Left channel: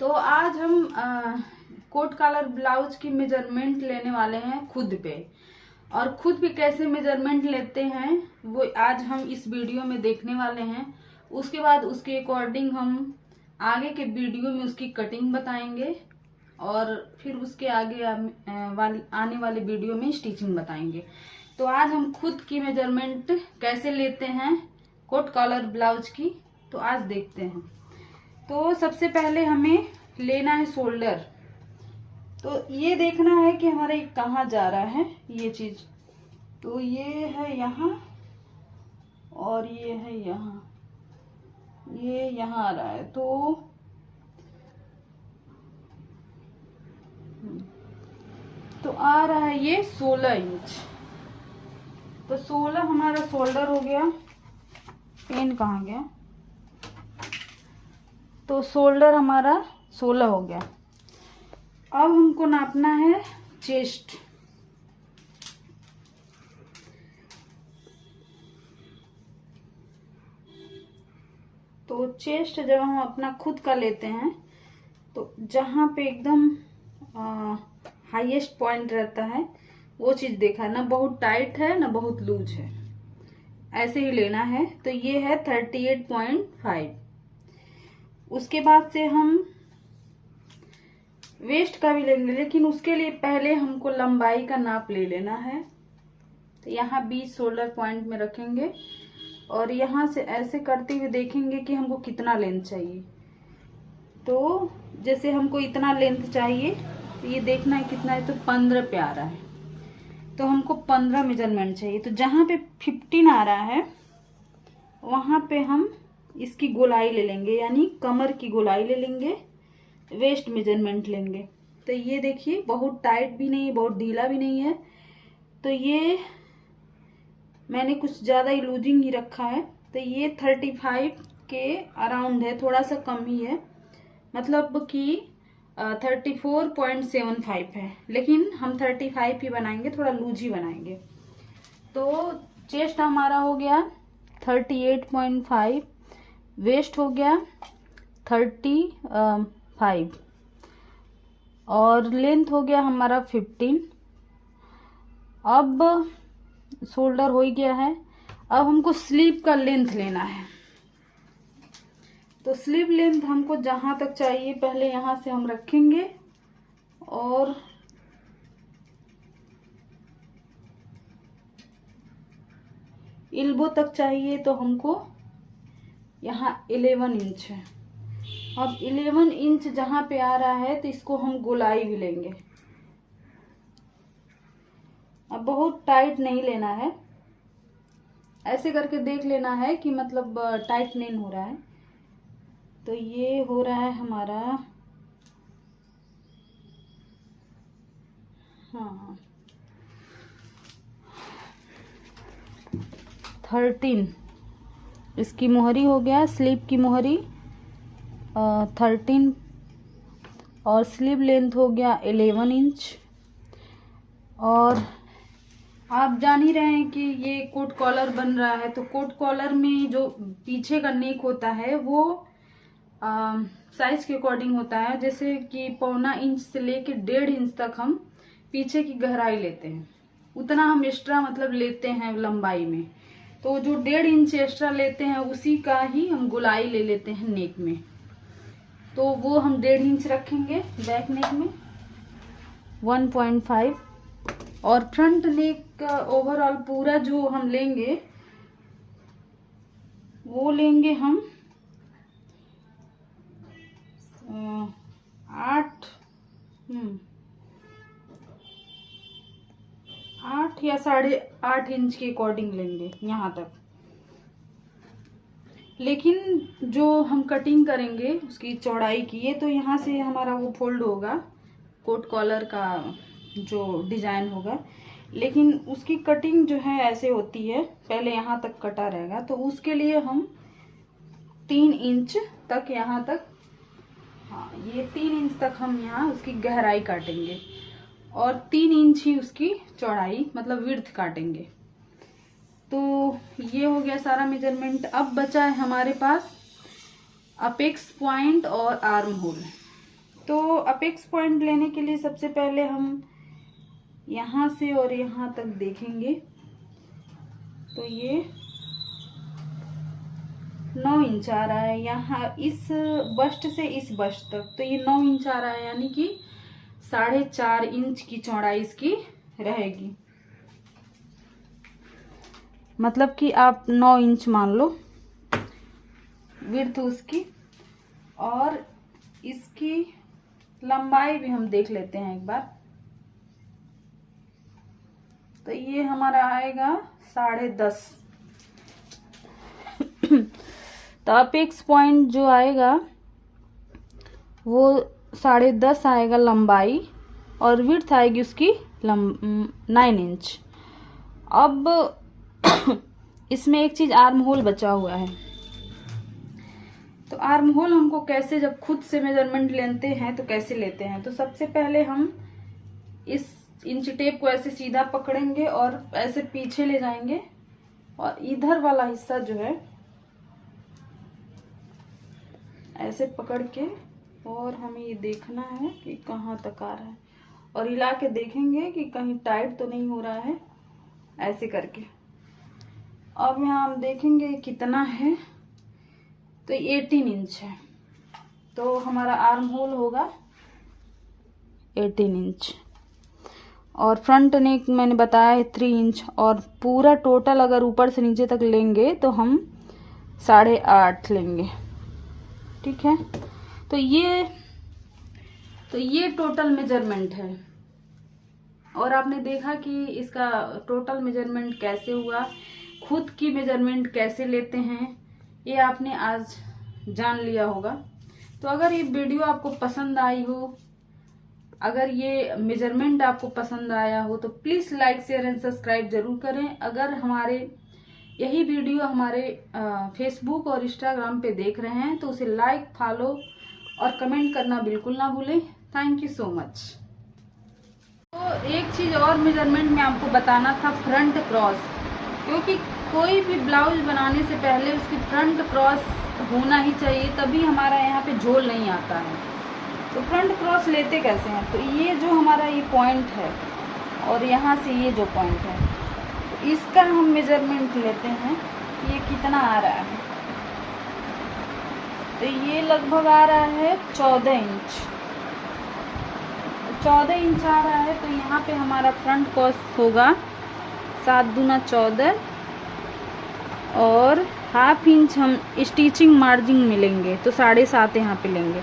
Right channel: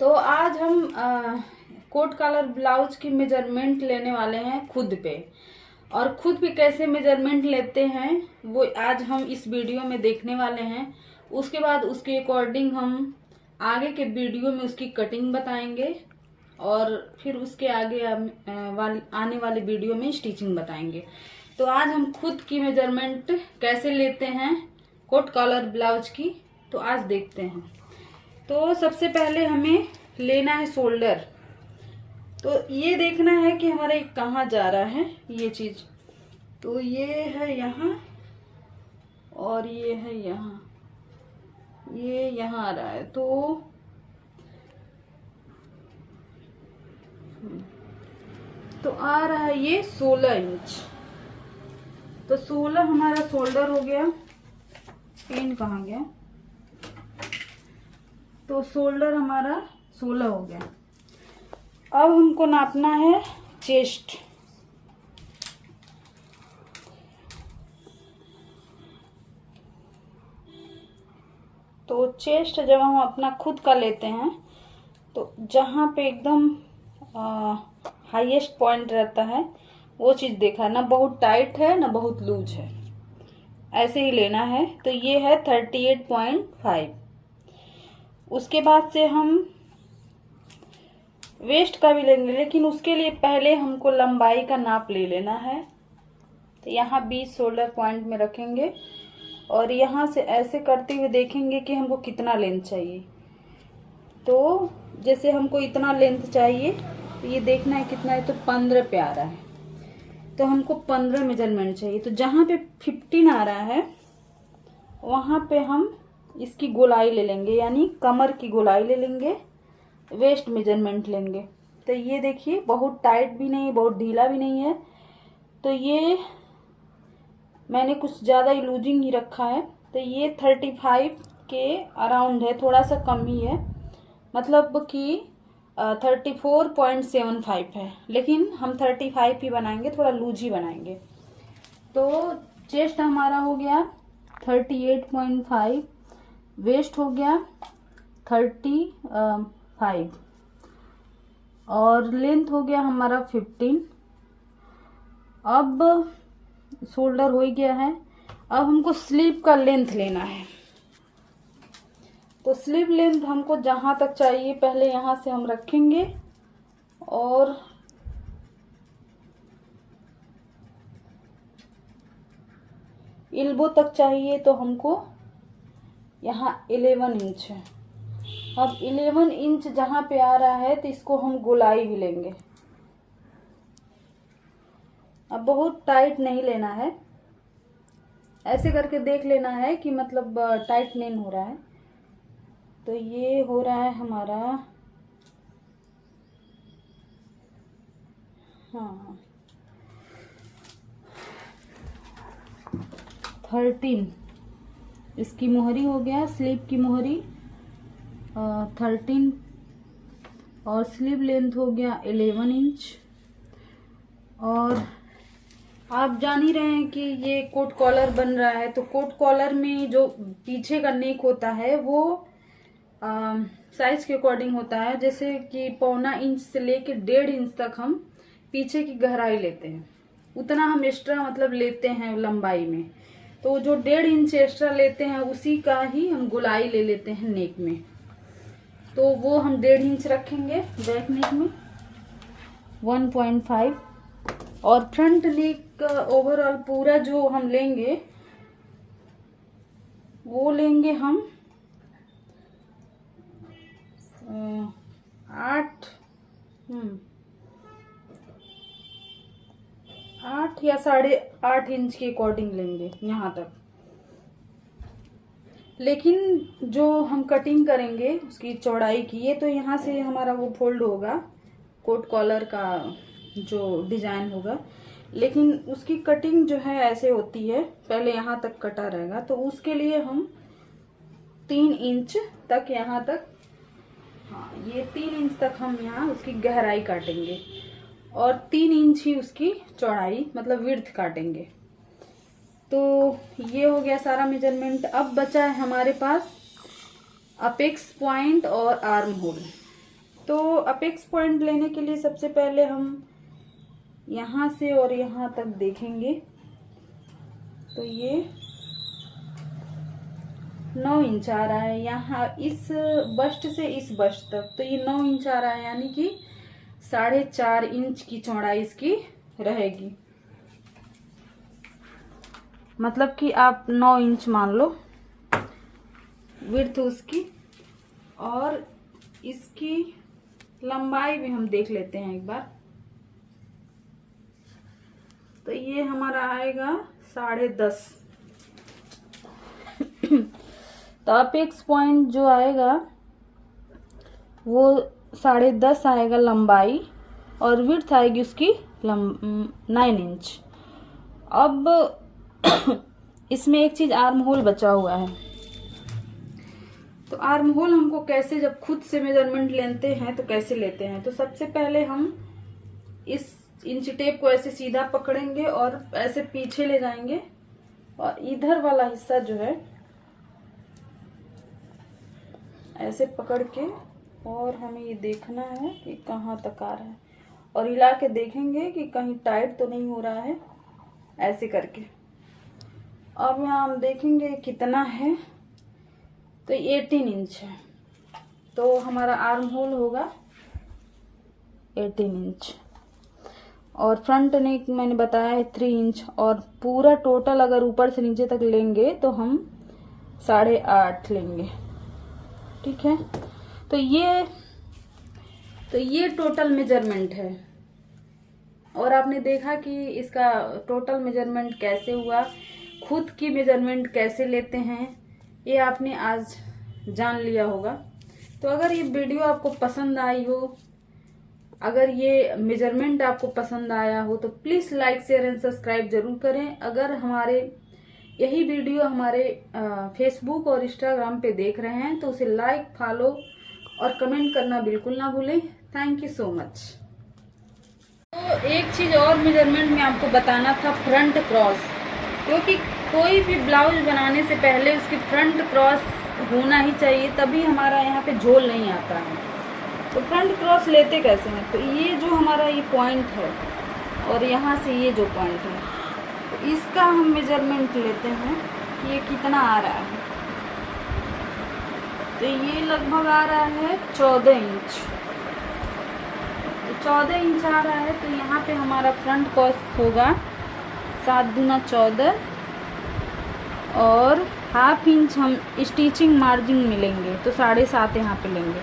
तो आज हम कोट कॉलर ब्लाउज की मेजरमेंट लेने वाले हैं खुद पे। और खुद पे कैसे मेजरमेंट लेते हैं वो आज हम इस वीडियो में देखने वाले हैं। उसके बाद उसके अकॉर्डिंग हम आगे के वीडियो में उसकी कटिंग बताएंगे और फिर उसके आगे आने वाले वीडियो में स्टिचिंग बताएंगे। तो आज हम खुद की मेजरमेंट कैसे लेते हैं कोट कॉलर ब्लाउज की, तो आज देखते हैं। तो सबसे पहले हमें लेना है शोल्डर। तो ये देखना है कि हमारे कहाँ जा रहा है ये चीज। तो ये है यहाँ और ये है यहाँ, ये यहाँ आ रहा है। तो आ रहा है ये 16 इंच। तो 16 हमारा शोल्डर हो गया। पेन कहाँ गया? तो शोल्डर हमारा 16 हो गया। अब हमको नापना है चेस्ट। तो चेस्ट जब हम अपना खुद का लेते हैं तो जहाँ पे एकदम हाईएस्ट पॉइंट रहता है वो चीज देखा, ना बहुत टाइट है ना बहुत लूज है, ऐसे ही लेना है। तो ये है 38.5। उसके बाद से हम वेस्ट का भी लेंगे, लेकिन उसके लिए पहले हमको लंबाई का नाप ले लेना है। तो यहाँ 20 शोल्डर पॉइंट में रखेंगे और यहाँ से ऐसे करते हुए देखेंगे कि हमको कितना लेंथ चाहिए। तो जैसे हमको इतना लेंथ चाहिए तो ये देखना है कितना है। तो 15 पे आ रहा है, तो हमको 15 मेजरमेंट चाहिए। तो जहाँ पे 15 आ रहा है वहां पे हम इसकी गोलाई ले लेंगे, यानी कमर की गोलाई ले लेंगे, वेस्ट मेजरमेंट लेंगे। तो ये देखिए बहुत टाइट भी नहीं, बहुत ढीला भी नहीं है। तो ये मैंने कुछ ज्यादा ही लूजिंग ही रखा है। तो ये 35 के अराउंड है, थोड़ा सा कम ही है, मतलब कि 34.75 है, लेकिन हम 35 ही बनाएंगे, थोड़ा लूज ही बनाएंगे। तो चेस्ट हमारा हो गया 38.5, वेस्ट हो गया 35 और लेंथ हो गया हमारा 15। अब शोल्डर हो गया है। अब हमको स्लीव का लेंथ लेना है। तो स्लीव लेंथ हमको जहां तक चाहिए पहले यहां से हम रखेंगे और एल्बो तक चाहिए। तो हमको यहाँ 11 इंच है। अब 11 इंच जहां पे आ रहा है तो इसको हम गोलाई भी लेंगे। अब बहुत टाइट नहीं लेना है, ऐसे करके देख लेना है कि मतलब टाइट नहीं हो रहा है। तो ये हो रहा है हमारा, हाँ 13 इसकी मोहरी हो गया, स्लीव की मोहरी 13 और स्लीव लेंथ हो गया 11 इंच। और आप जान ही रहे हैं कि ये कोट कॉलर बन रहा है। तो कोट कॉलर में जो पीछे का नेक होता है वो साइज के अकॉर्डिंग होता है। जैसे कि 1.25 इंच से लेके 1.5 इंच तक हम पीछे की गहराई लेते हैं, उतना हम एक्स्ट्रा मतलब लेते हैं लंबाई में। तो जो 1.5 इंच एक्स्ट्रा लेते हैं उसी का ही हम गोलाई ले लेते हैं नेक में। तो वो हम 1.5 इंच रखेंगे बैक नेक में, 1.5। और फ्रंट नेक का ओवरऑल पूरा जो हम लेंगे वो लेंगे हम 8 या 8.5 इंच के अकॉर्डिंग लेंगे यहाँ तक। लेकिन जो हम कटिंग करेंगे उसकी चौड़ाई की, ये तो यहाँ से हमारा वो फोल्ड होगा कोट कॉलर का जो डिजाइन होगा, लेकिन उसकी कटिंग जो है ऐसे होती है, पहले यहाँ तक कटा रहेगा। तो उसके लिए हम 3 इंच तक यहाँ तक, हाँ ये 3 इंच तक हम यहाँ उसकी गहराई काटेंगे और 3 इंच ही उसकी चौड़ाई मतलब विड्थ काटेंगे। तो ये हो गया सारा मेजरमेंट। अब बचा है हमारे पास अपेक्स पॉइंट और आर्म होल। तो अपेक्स पॉइंट लेने के लिए सबसे पहले हम यहाँ से और यहाँ तक देखेंगे। तो ये 9 इंच आ रहा है यहाँ, इस बस्ट से इस बस्ट तक। तो ये 9 इंच आ रहा है, यानी कि 4.5 इंच की चौड़ाई इसकी रहेगी। मतलब कि आप 9 इंच मान लो विड्थ उसकी। और इसकी लंबाई भी हम देख लेते हैं एक बार। तो ये हमारा आएगा 10.5। तो अपेक्स पॉइंट जो आएगा वो 10.5 आएगा लंबाई, और विड्थ आएगी उसकी 9 इंच। अब इसमें एक चीज आर्म होल बचा हुआ है। तो आर्म होल हमको कैसे, जब खुद से मेजरमेंट लेते हैं तो कैसे लेते हैं। तो सबसे पहले हम इस इंच टेप को ऐसे सीधा पकड़ेंगे और ऐसे पीछे ले जाएंगे, और इधर वाला हिस्सा जो है ऐसे पकड़ के, और हमें ये देखना है कि कहाँ तक आ रहा है, और हिला के देखेंगे कि कहीं टाइट तो नहीं हो रहा है, ऐसे करके। अब यहाँ हम देखेंगे कितना है। तो 18 इंच है, तो हमारा आर्म होल होगा 18 इंच। और फ्रंट नेक मैंने बताया है 3 इंच। और पूरा टोटल अगर ऊपर से नीचे तक लेंगे तो हम 8.5 लेंगे। ठीक है। तो ये टोटल मेजरमेंट है। और आपने देखा कि इसका टोटल मेजरमेंट कैसे हुआ, खुद की मेजरमेंट कैसे लेते हैं, ये आपने आज जान लिया होगा। तो अगर ये वीडियो आपको पसंद आई हो, अगर ये मेजरमेंट आपको पसंद आया हो, तो please like share and subscribe जरूर करें। अगर हमारे यही वीडियो हमारे फेसबुक और इंस्टाग्राम पे देख रहे हैं तो उसे लाइक, फॉलो और कमेंट करना बिल्कुल ना भूलें। Thank you so much. तो एक चीज और मेजरमेंट में आपको बताना था, फ्रंट क्रॉस। क्योंकि कोई भी ब्लाउज बनाने से पहले उसकी फ्रंट क्रॉस होना ही चाहिए, तभी हमारा यहाँ पे झोल नहीं आता है। तो फ्रंट क्रॉस लेते कैसे हैं। तो ये जो हमारा ये पॉइंट है और यहाँ से ये जो पॉइंट है, तो इसका हम मेजरमेंट लेते हैं कि ये कितना आ रहा है। तो ये लगभग आ रहा है 14 इंच। 14 इंच आ रहा है। तो यहाँ पे हमारा फ्रंट क्रॉस होगा 7 दूना 14, और हाफ इंच हम स्टिचिंग मार्जिन में लेंगे, तो 7.5 यहाँ पे लेंगे।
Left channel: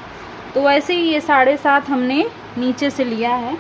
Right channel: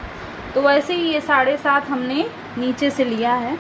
तो वैसे ही ये 7.5 हमने नीचे से लिया है।